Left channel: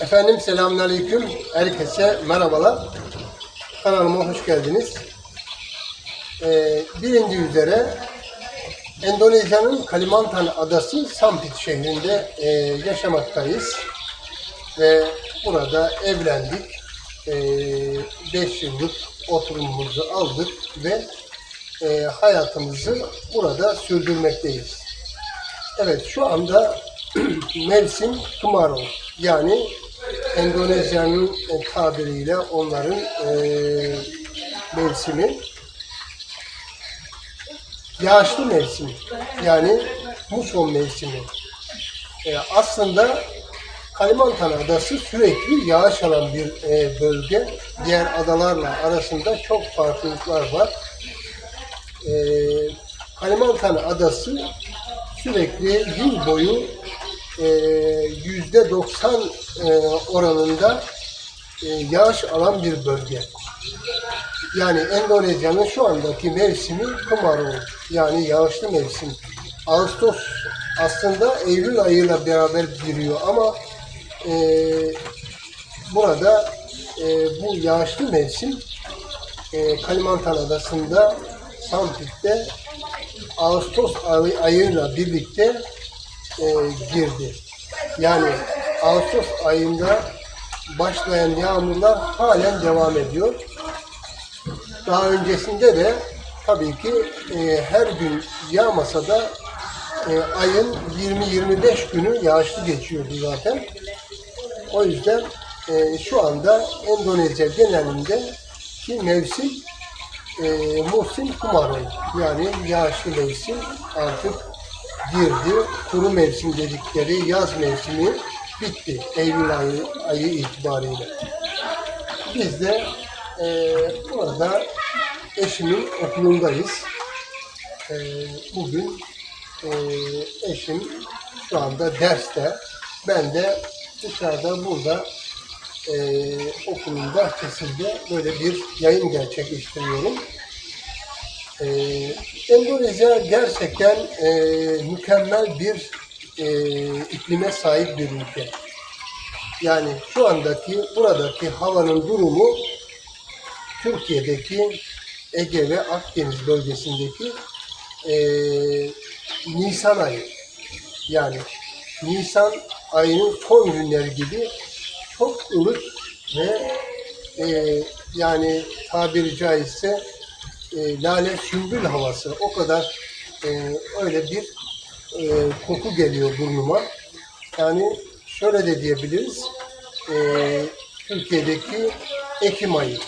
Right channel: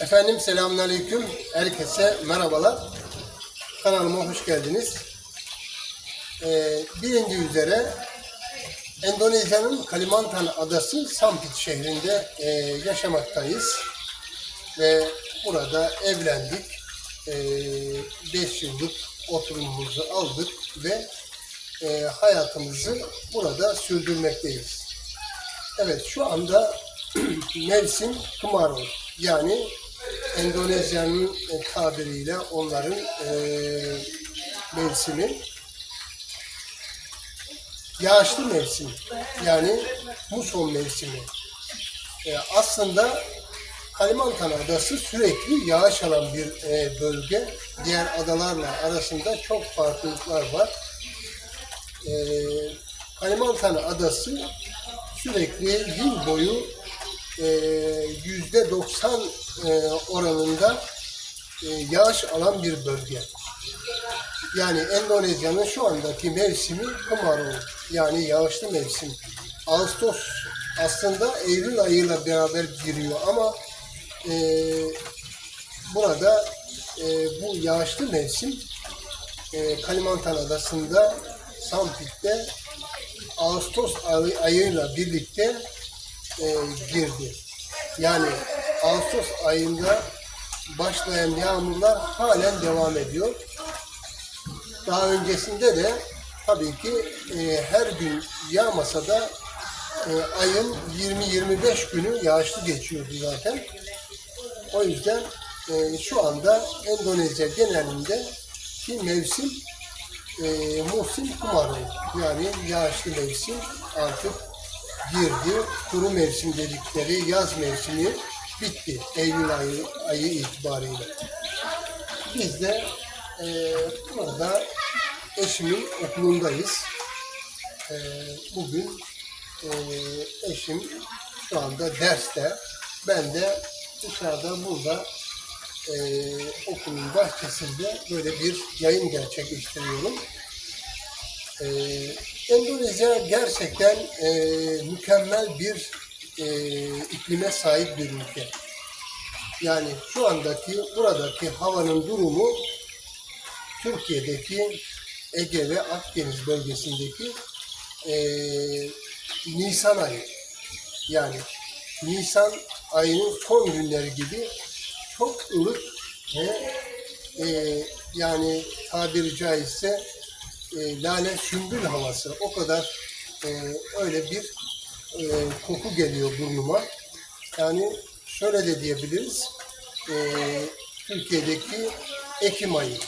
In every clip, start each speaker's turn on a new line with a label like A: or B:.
A: Efendim selamünaleyküm. Herkese merhabalar. Kanalıma hoş geldiniz. Ee, bilindiği üzere Endonezya'nın Kalimantan adası Sampit şehrinde e, yaşamaktayız. Ve burada evlendik. 5 yıllık oturumumuzu aldık ve e, hayatımızı burada sürdürmekteyiz. Evet şu anda mevsim Tumarong yani Endonezya'nın tabiriyle onların e, mevsimi yağışlı mevsim yani muson mevsimi. E, aslında Kalimantan Adası sürekli yağış alan bir e, bölge. Diğer adalarla arasında çok farklılıklar var. E, Kalimantan Adası sürekli yıl boyu yüzde 90 e, oranında e, yağış alan bir bölge. Yani Endonezya'nın şu andaki mevsimi Kemarau yani yağışlı mevsim. Ağustos aslında Eylül ayıyla beraber giriyor ama e, burada e, bu yağışlı mevsim e, Kalimantan Adası'nda Sampit'te Ağustos ay- ayıyla birlikte e, girdi. Yani Ağustos ayında başlayan yağmurlar halen devam ediyor. Daha öncesinde de tabii ki e, her gün yağmasa da e, ayın 20-25 günü yağışlı geçiyordu zaten. O yüzden e, şu anda Endonezya genelinde ki mevsim e, musim kumarı yani yağışlı mevsim artık girdi. Kuru mevsim dedikleri yaz mevsimi bitti Eylül ayı, ayı itibariyle. Biz de e, burada eşimin okulundayız. E, bugün e, eşim şu anda derste. Ben de dışarıda burada e, okulun bahçesinde böyle bir yayın gerçekleştiriyorum. E, Endonezya gerçekten e, mükemmel bir e, iklime sahip bir ülke. Yani şu andaki buradaki havanın durumu Türkiye'deki Ege ve Akdeniz bölgesindeki e, Nisan ayı. Yani Nisan ayının son günleri gibi çok ılık ve e, yani tabiri caizse e, lale sümbül havası o kadar e, öyle bir e, koku geliyor burnuma. Yani şöyle de diyebiliriz. E, Türkiye'deki Ekim ayı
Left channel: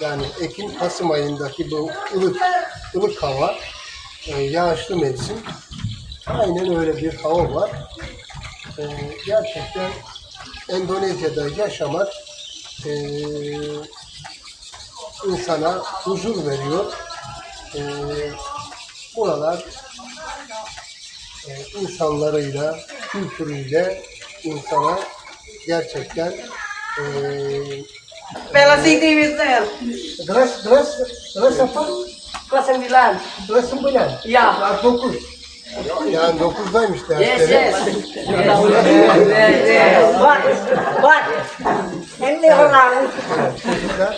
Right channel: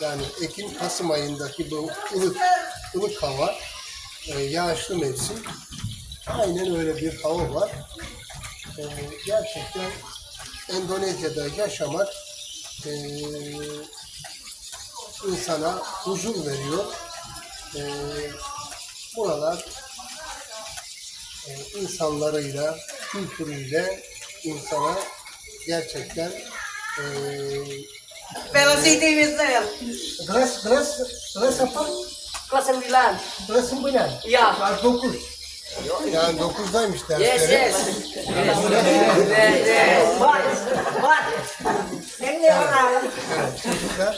A: yani Ekim-Kasım ayındaki bu ılık ılık hava e, yağışlı mevsim aynen öyle bir hava var. E, gerçekten Endonezya'da yaşamak e, insana huzur veriyor. E, buralar e, insanlarıyla, kültürüyle insana gerçekten e,
B: Velocity Mister.
A: Kelas, kelas, kelas apa?
B: Kelas 9.
A: Kelas 9.
B: Ya.
A: Kelas 9. Yani 9'daymış
B: Yes,
A: dersleri.
B: yes. What? What? Ini orang.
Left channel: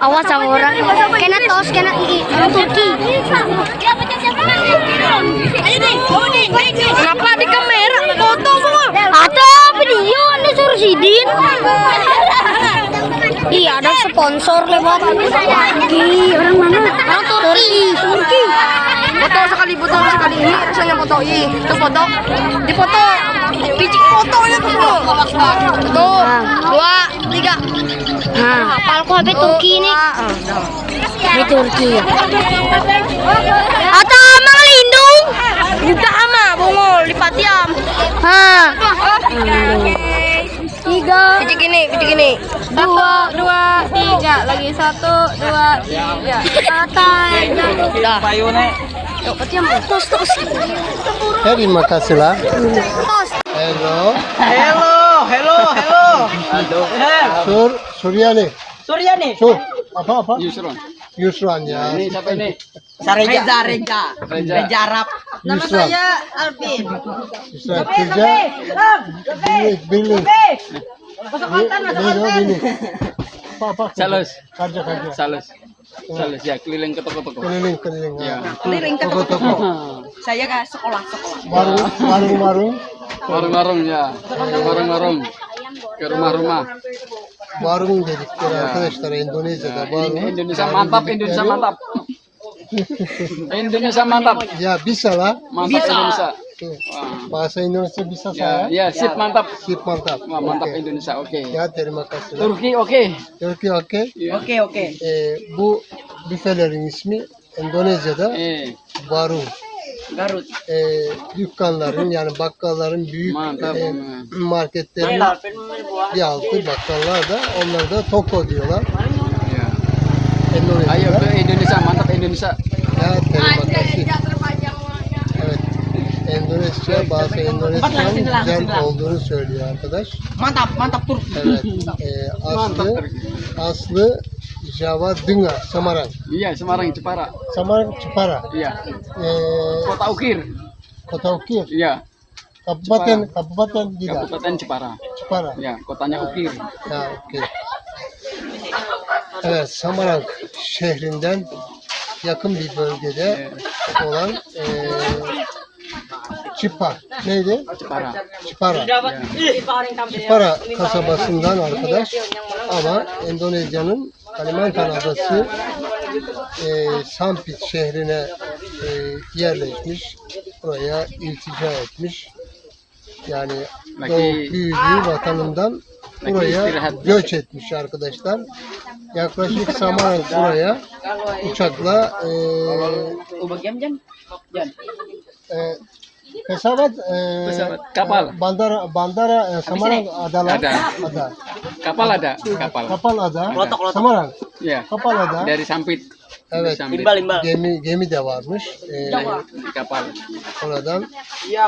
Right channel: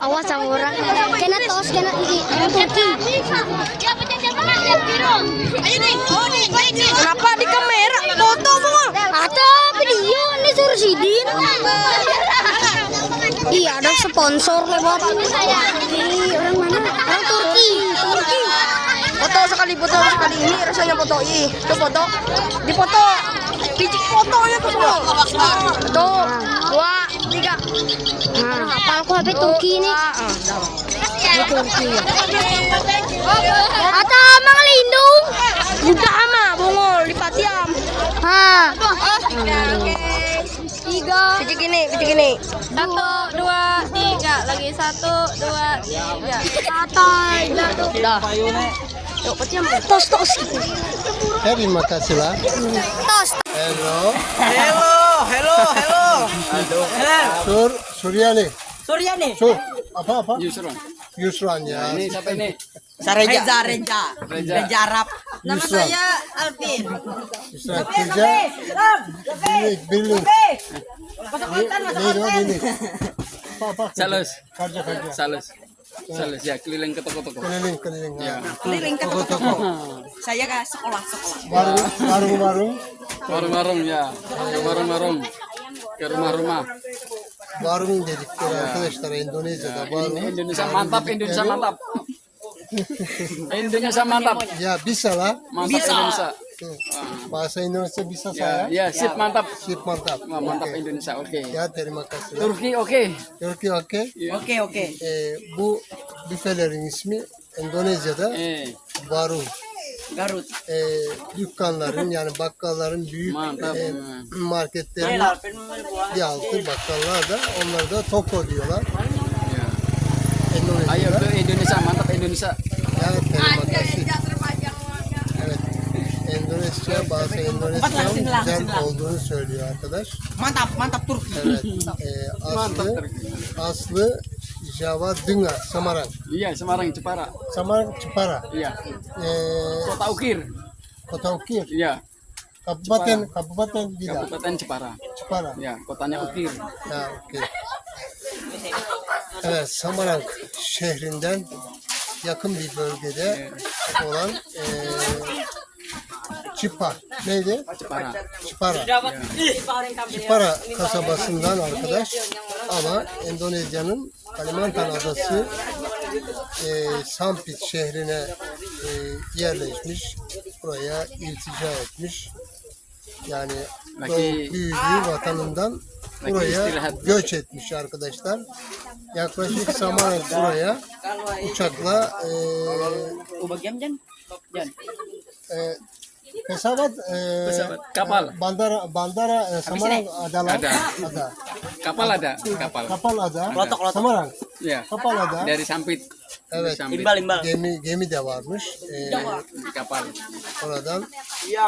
C: Awas sama orang. Kena tos, kena sponsor lewat. Turki orang mana? Turki, Turki.
B: Foto sekali, foto sekali. Ini rasanya foto. Ih, itu foto. Di foto. Biji foto ya tuh. Tuh, dua, tiga.
C: Nah, hafal kok habis Turki ini. Ini Turki. Atau amang lindung.
B: Kita ama, bongol di Patiam.
C: Hah. Tiga,
B: Biji gini, biji gini.
C: dua,
D: dua lagi satu dua tiga
B: Lah.
C: tos, tos.
A: Terima kasih lah.
C: Tos.
A: Hello.
B: Hello, hello,
A: Suryani.
E: Suryani.
A: Su. Apa apa?
F: Yusron.
A: Yusran ya.
F: Ini siapa ini?
E: Sareja. Reza, Reza.
F: Reza.
E: Reza Arab. Nama
A: Yusran.
E: saya Alvin.
A: Yusran kerja. Birlik, birlik.
E: Masuk konten, masuk konten.
A: Ini. Apa apa? kerja?
F: Salus.
A: Kerja kerja.
F: Salus. Salus ya keliling ke toko-toko.
A: Keliling keliling.
F: Ya.
E: Keliling ke
A: Toko
E: toko-toko.
A: toko.
E: Saya ke sekolah, sekolah.
A: Warung warung warung.
F: Warung-warung ya. Warung-warung. Ke rumah-rumah.
A: Warung arkadaşlar Endonezya'da warung.
F: Indonesia mantap, Indonesia mantap. Indonesia mantap.
A: Ya bisa lah.
F: Mantap Indonesia.
A: Tuh.
F: Ah,
A: Bahasa Indonesia bisa
F: Ya,
A: saya.
F: ya, sip mantap.
A: Sip mantap.
F: Wah, mantap
A: Oke.
F: Indonesia, oke.
A: Ya terima kasih.
F: Turki oke.
A: Türkiye okey.
E: Oke, oke.
A: Ee, bu büfelerin ismi Endonezya'da
F: Eh,
A: warung.
E: Garut.
A: Ee, dükkanların yani bakkalların büyük
F: Mantap.
A: e, marketlerin bir altı bakkallar da onları da toko diyorlar.
F: ya. Ayo
A: Endonezya'da.
F: ke Indonesia, mantap Indonesia.
A: Ya terima kasih. Evet. Endonezya bazı Endonezya'nın güzel olduğunu söylüyor arkadaş.
E: Mantap, mantap Turki.
A: Evet. Ee, aslı aslı Java Dınga Samarang.
F: Iya, Semarang Jepara.
A: Samarang Cipara.
F: Iya.
A: Ee,
F: Kota Ukir.
A: Kota Ukir.
F: Iya,
A: Kabupaten Kabupaten Bida.
F: Kabupaten Jepara.
A: Cipara.
F: Ya, kotanya Ukir.
A: Ha, okey. Evet, Samarang şehrinden yakın bir bölgede olan eee Çipar. Neydi?
F: Jepara.
A: Çipara. Çipara kasabasından arkadaş ama Endonezya'nın Kalimantan adası eee Sampit şehrine eee, yerleşmiş. Buraya iltica etmiş. Yani doğup büyüdüğü vatanından buraya göç etmiş arkadaşlar. Yaklaşık Samarang buraya uçakla e, pesawat, e,
F: Pesawat, kapal.
A: bandara bandara e, Samarang adalah
F: Ada.
A: ada
F: Kapal ada, kapal.
A: kapal ada
E: Lotok, lotok.
A: Samarang
F: Ya,
A: kapal ada
F: dari Sampit. Dari
A: evet
F: Sampit.
A: gemi gemi de varmış e,
F: Di kapal.
A: oradan e,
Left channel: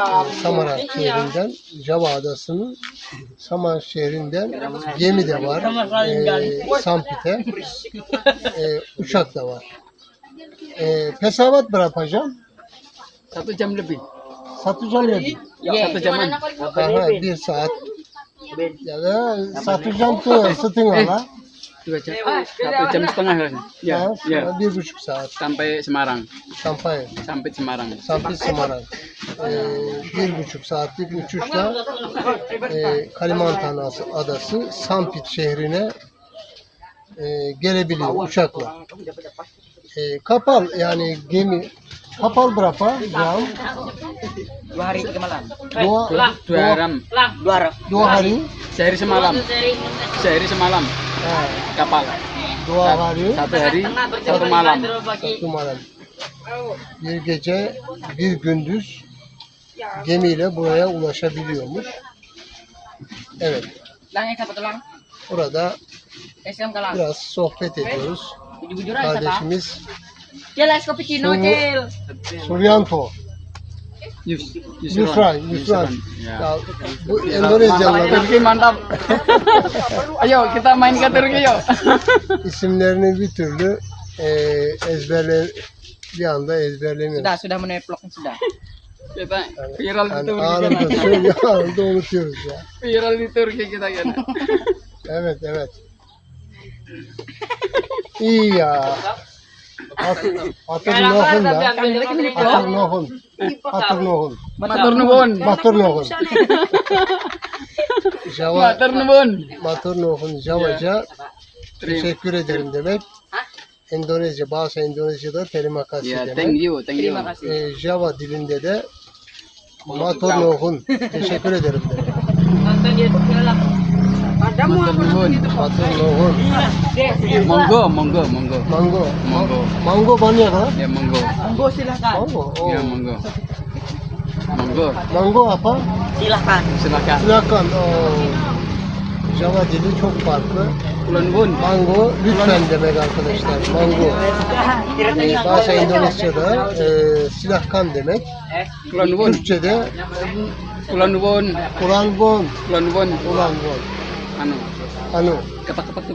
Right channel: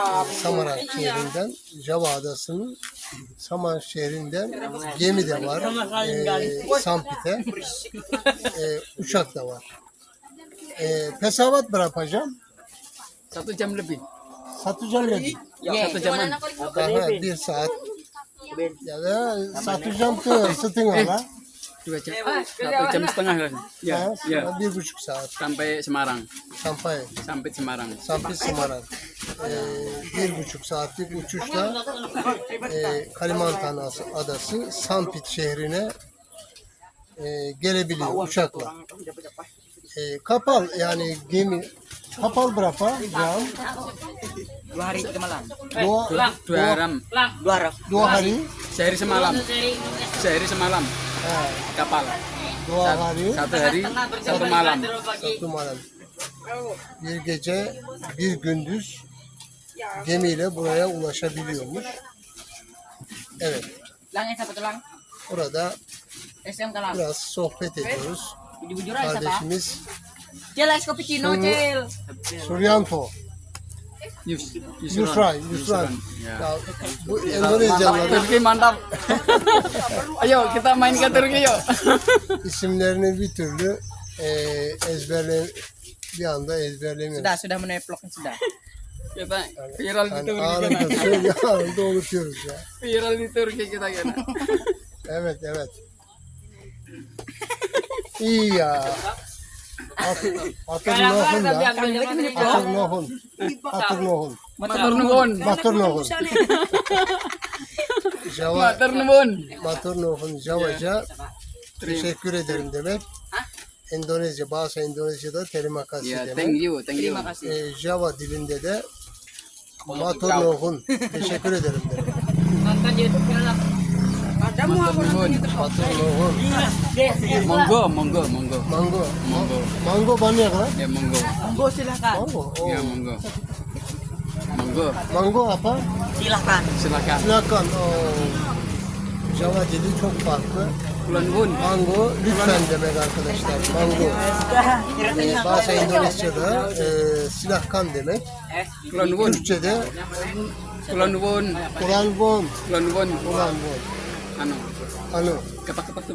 A: Samarang şehrinden Java adasının Samarang şehrinden gemi de var e, Sampit'e e, uçak da var e, pesawat berapa jam?
F: Satu jam lebih.
A: Satu jam lebih
F: Satu jaman.
A: Aha, bir saat ya da satu jam tuh setengah lah
F: Dua jam. Satu jam setengah kan? Ya,
A: ya,
F: ya.
A: bir buçuk saat
F: Sampai Semarang.
A: sampai
F: Sampai Semarang.
A: sampai Semarang Ee, bir buçuk saatlik uçuşla e, Kalimantan Adası- adası Sampit şehrine e, gelebiliyor uçakla e, kapal yani gemi kapal berapa jam
E: Dua hari tiga malam.
A: dua,
F: Dua, dua.
E: Dua hari.
A: dua hari
F: Sehari semalam. Sehari semalam. Kapal.
A: dua hari
F: Satu hari, satu malam.
A: Satu malam. Bir gece bir gündüz gemiyle buraya ulaşabiliyormuş. Evet. Burada biraz sohbet ediyoruz. Kardeşimiz
E: Cil, es cappuccino,
A: Sungguh. Suryanto,
F: Yus,
A: Yusran.
F: Ya.
A: Bu
F: Mantap,
A: Endonezyalıların
F: Turki mantap. Ayo kita main ke Turki yuk.
A: isimlerini bir türlü e, ezberle bir anda ezberlemiyoruz.
E: Sudah, sudah meneplok sudah.
F: Kita viral di
A: Yani
F: Turki.
A: anında anında unutuyoruz ya.
F: Viral di Turki kita kan.
A: Evet, evet. İyi ya. At, atır nohun ya. Atır nohun. Atır nohun.
F: Matur nuwun.
A: Matur nohun. Java,
F: Matur nuwun.
A: matur nohun Javaca teşekkür ederim demek. Endonezya, bazı Endonezya'da terima kasih
F: Ya,
A: demek.
F: thank you, thank you.
A: Ee, Java dilinde de matur nohun teşekkür ederim demek.
F: Matur nuwun.
A: Matur nohun.
F: Monggo, monggo, monggo.
A: Mango.
F: Monggo.
A: Mango banyak kan?
F: Ya monggo.
E: Monggo silakan.
A: Mango. Oh.
F: Ya monggo. Monggo.
A: Mango apa?
E: Silakan.
F: Silakan.
A: Silakan. Oh. Java dili çok farklı.
F: Kulon nuwun.
A: Mango lütfen demek arkadaşlar. Mango. Ee, bazı Endonezya'da e, silahkan demek.
F: Kulon nuwun.
A: Türkçe'de
F: Kulon nuwun.
A: Kur'an bon.
F: Kulon nuwun. anu kepak-kepak tuh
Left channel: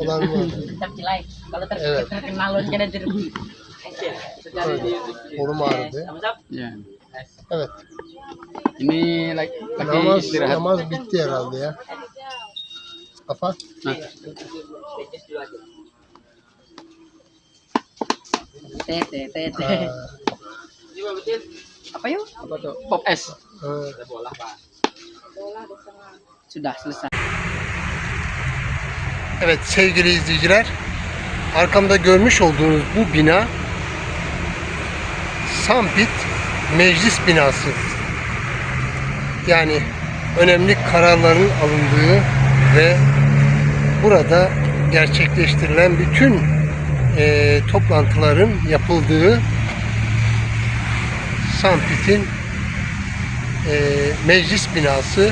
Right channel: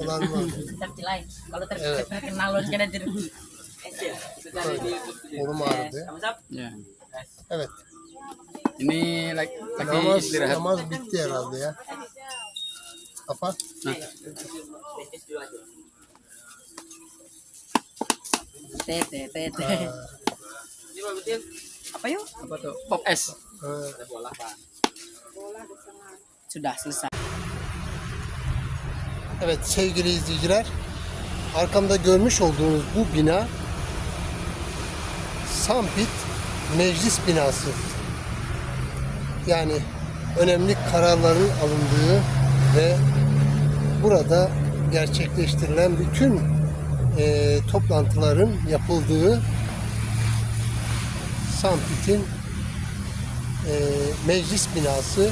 A: ulang
E: tetap kalau terkenal lo kena jeruk
F: Ya. Ini lagi istirahat.
A: Nama bitti herhalde ya. Apa?
F: Nah.
E: Tete, tete. Apa yuk?
F: Apa tuh? Pop
A: s.
E: Sudah selesai.
A: Evet sevgili izleyiciler, arkamda görmüş olduğunuz bu bina Sampit Meclis Binası. Yani önemli kararların alındığı ve burada gerçekleştirilen bütün eee, toplantıların yapıldığı Sampit'in eee, meclis binası